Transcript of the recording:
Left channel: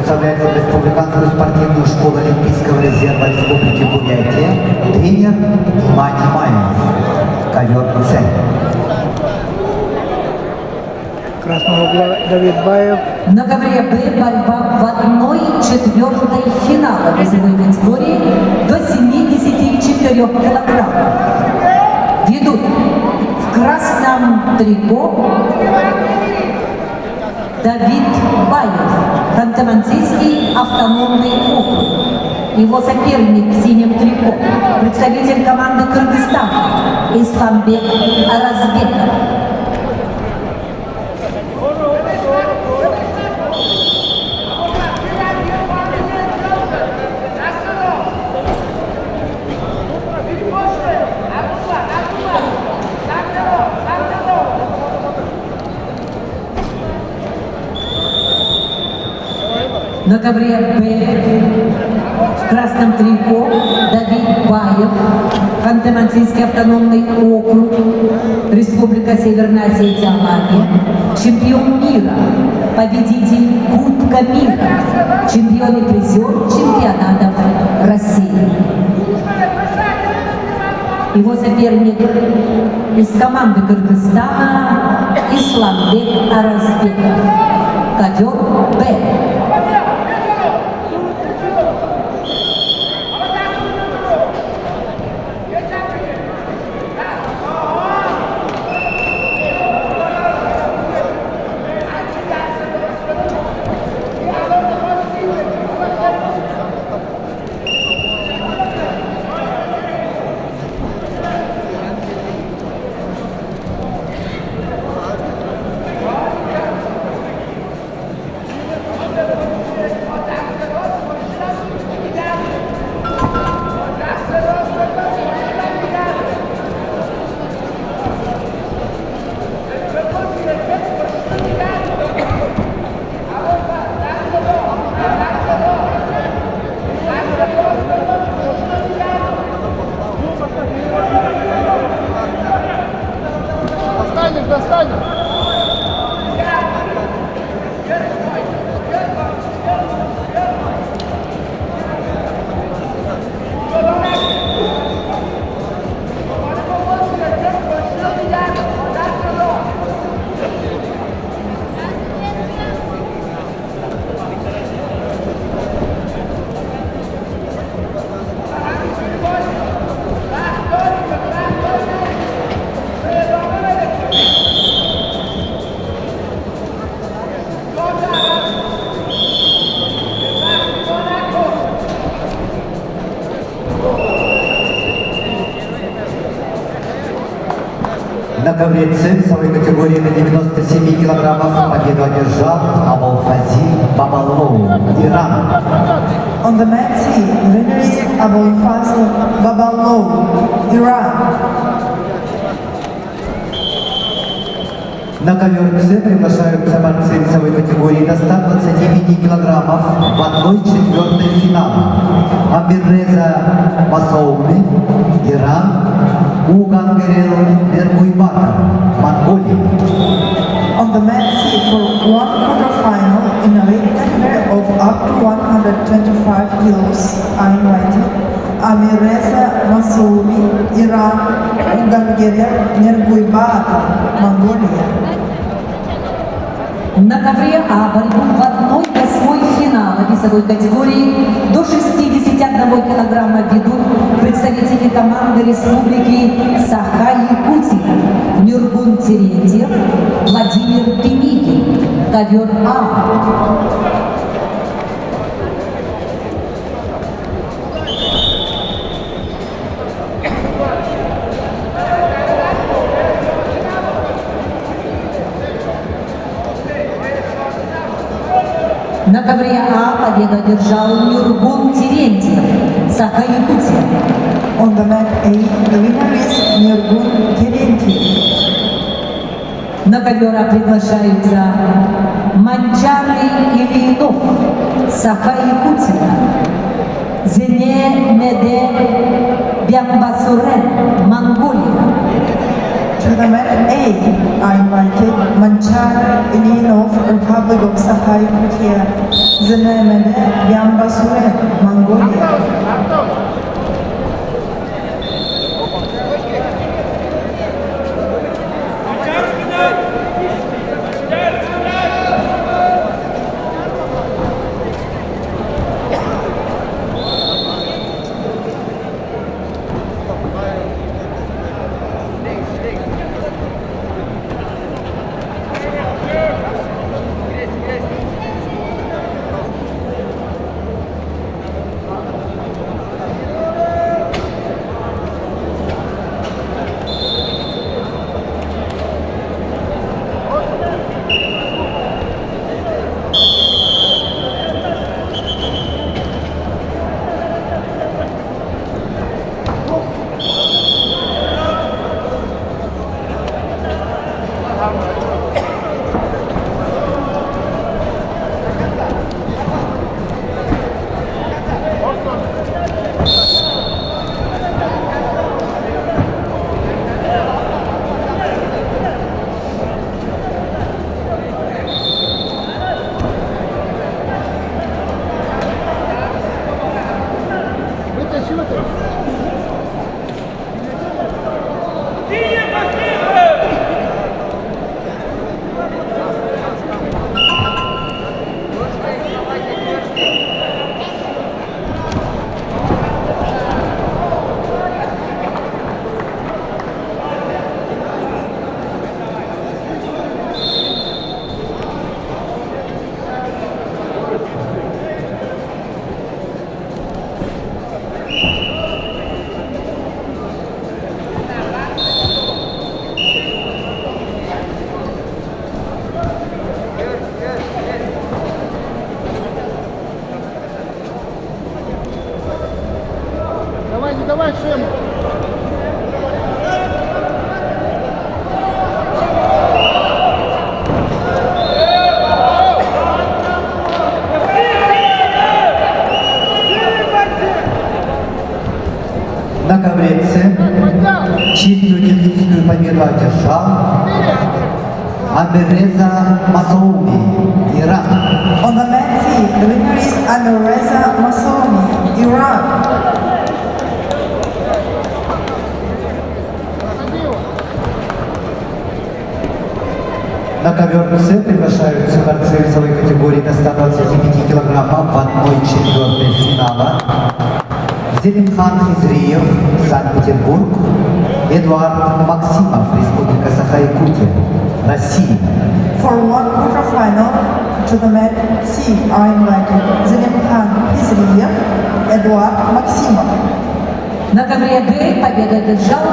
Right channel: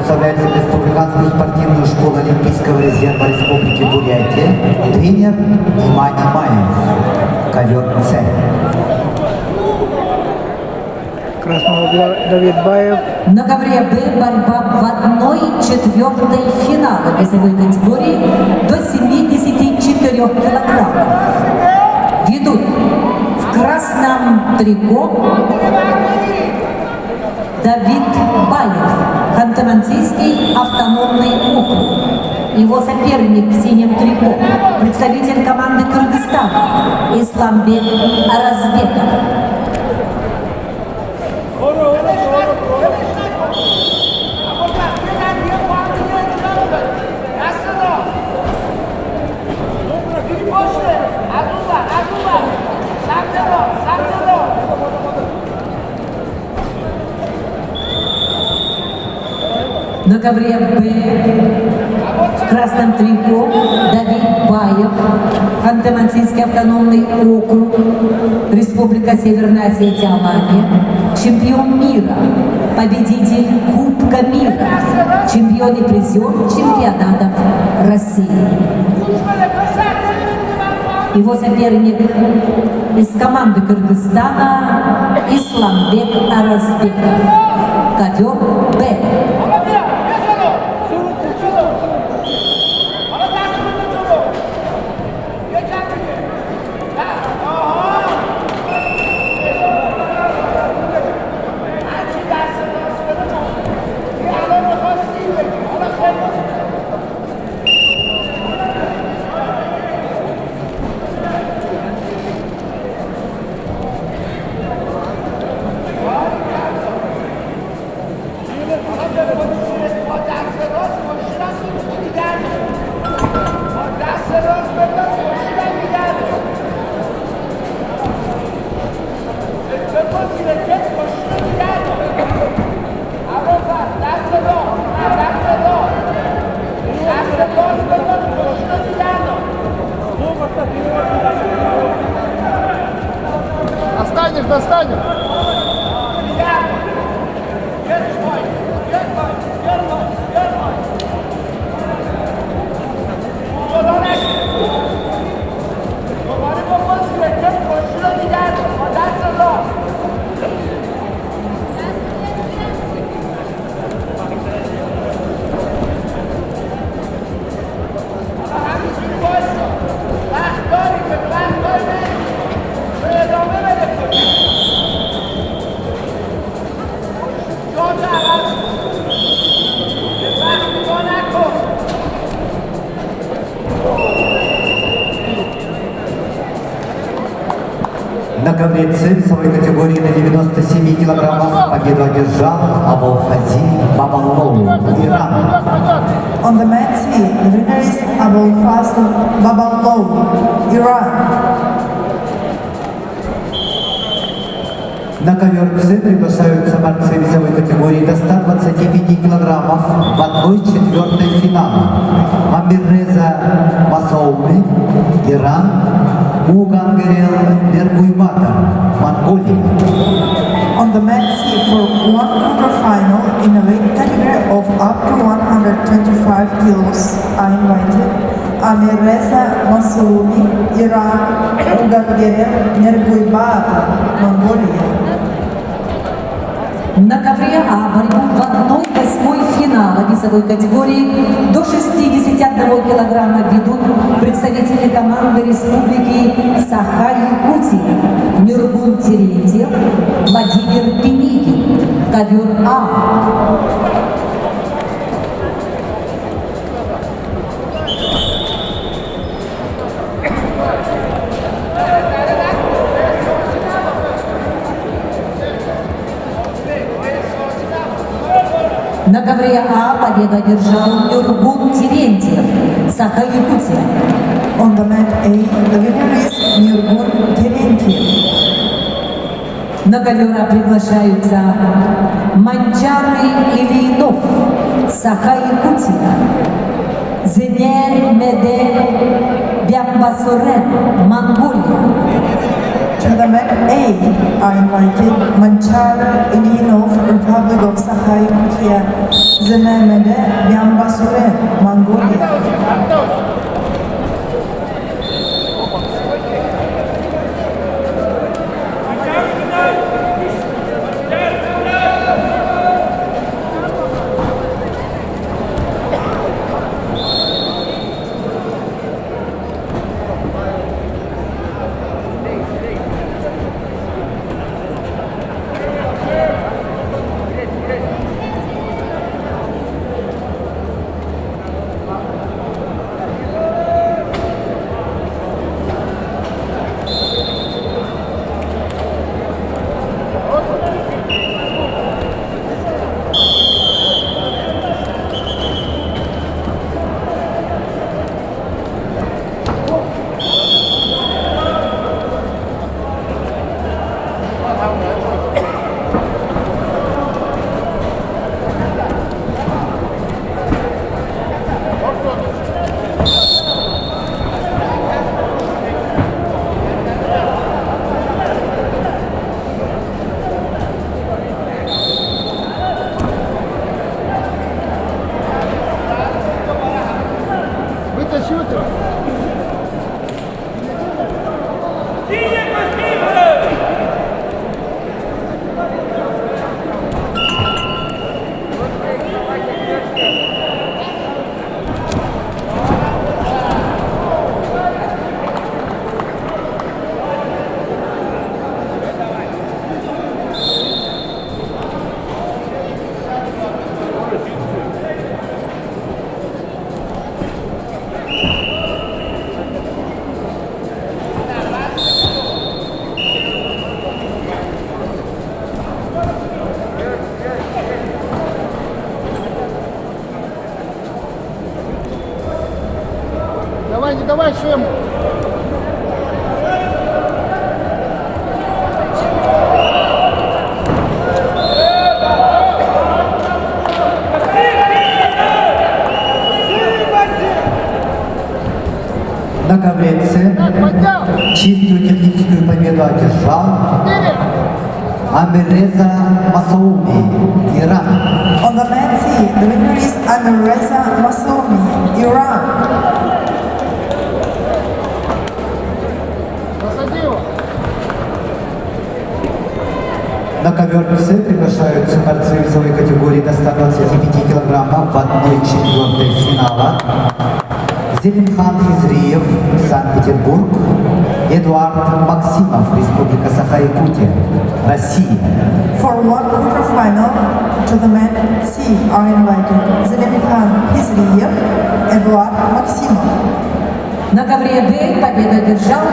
представляет Республиканскую спортивную школу Олимпийского резерва Республики Бурятия, тренер Имани Маев, ковер С. Красного угла Давид Баев. На ковре Б борьба в 1/4 финала весовой категории до 74 килограммов. Ведут в красном трико Давид Баев, Ханты-Мансийский автономный округ. Его соперник в синем трико, представитель команды Кыргызстана Исламбек Аразбеков. На ковре Б в красном трико Давид Баев, Ханты-Мансийский автономный округ, Республика Северная Осетия, Алания, чемпион мира, победитель Кубка мира, чемпион и призер чемпионатов России. Его соперник из команды Кыргызстана Исламбек Аразбеков, ковер Б. На ковре С весовой категории до 97 килограммов победу одержал Абулфази Бабалоу, Иран. On the mat C, the winner is Abulfazl Babalou, Iran. На ковер С приглашаются борцы весовой категории до 125 килограммов в 1/4 финала. Амирреза Масоуми, Иран, Угангерел Нергуйбакар, Монголия. On the mat C for one quarterfinal in a weight category of up to 125 kilos are invited Amirreza Masoumi, Iran, Угангерел Нергуйбакар, Монголия. На ковре А борьбу в 1/8 финала весовой категории до 61 килограмма ведут представители команды Республики Саха-Якутия Нюргун Терентьев, Владимир Пеникин, ковер А. На ковре А победу одержал Нюргун Терентьев, Саха-Якутия. On the mat A, the winner is Nurgun Terentьев. На ковер А приглашаются Манчары Ильинов, Саха-Якутия, Зене Меде Бямбасурен, Монголия. To the mat A are invited Manchar Ilinov, Republic of Sakha-Yakutia, Zenem Амиреза Масауми, Иран. On the mat C, the winner is Amireza Masoumi, Iran. На ковер КС приглашаются борцы весовой категории до 125 килограммов в 1/4 финала. Зелимхан Хизриев, Санкт-Петербург. Эдуард Максимов, Республика Саха-Якутия, Россия. For one quarterfinal to the mat C are invited Zelimkhan Hizriyev, Эдуард Максимов. На ковре D победу одержал